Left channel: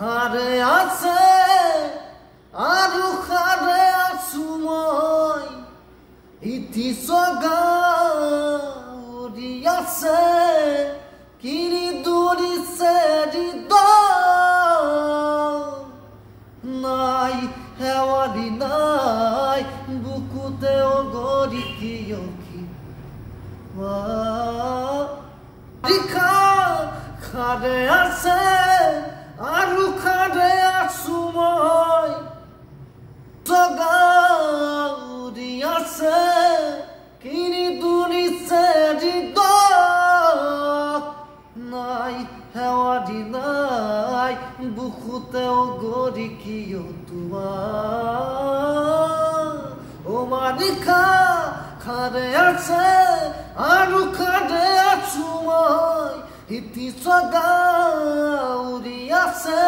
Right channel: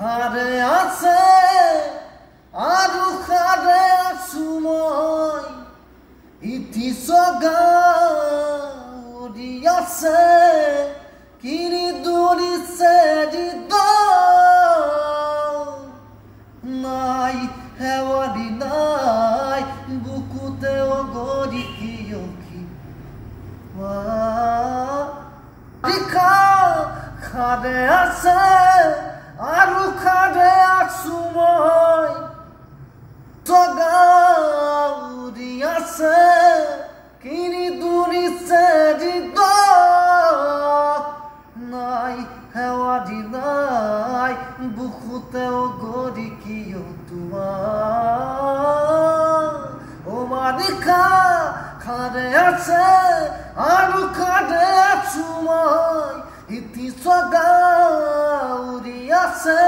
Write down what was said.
খাৰে আছে আৰু খাৰে আছো মই ইতি সগা উৰি আছে কিনি দৌৰিছে হৃদ নাই হেৱাৰি নাই বুকুতে অগৰি কিয় খাৰে আছে আৰু খাৰে আছো মই সগা উৰি আছে কিনি দৌৰিছে হৃদ নাই হেৱাৰি নাই বুকুতে অগৰি কিয় মালিকা খাৰে আছে আৰু খাৰে আছো মই ইতি সগা উৰি আছে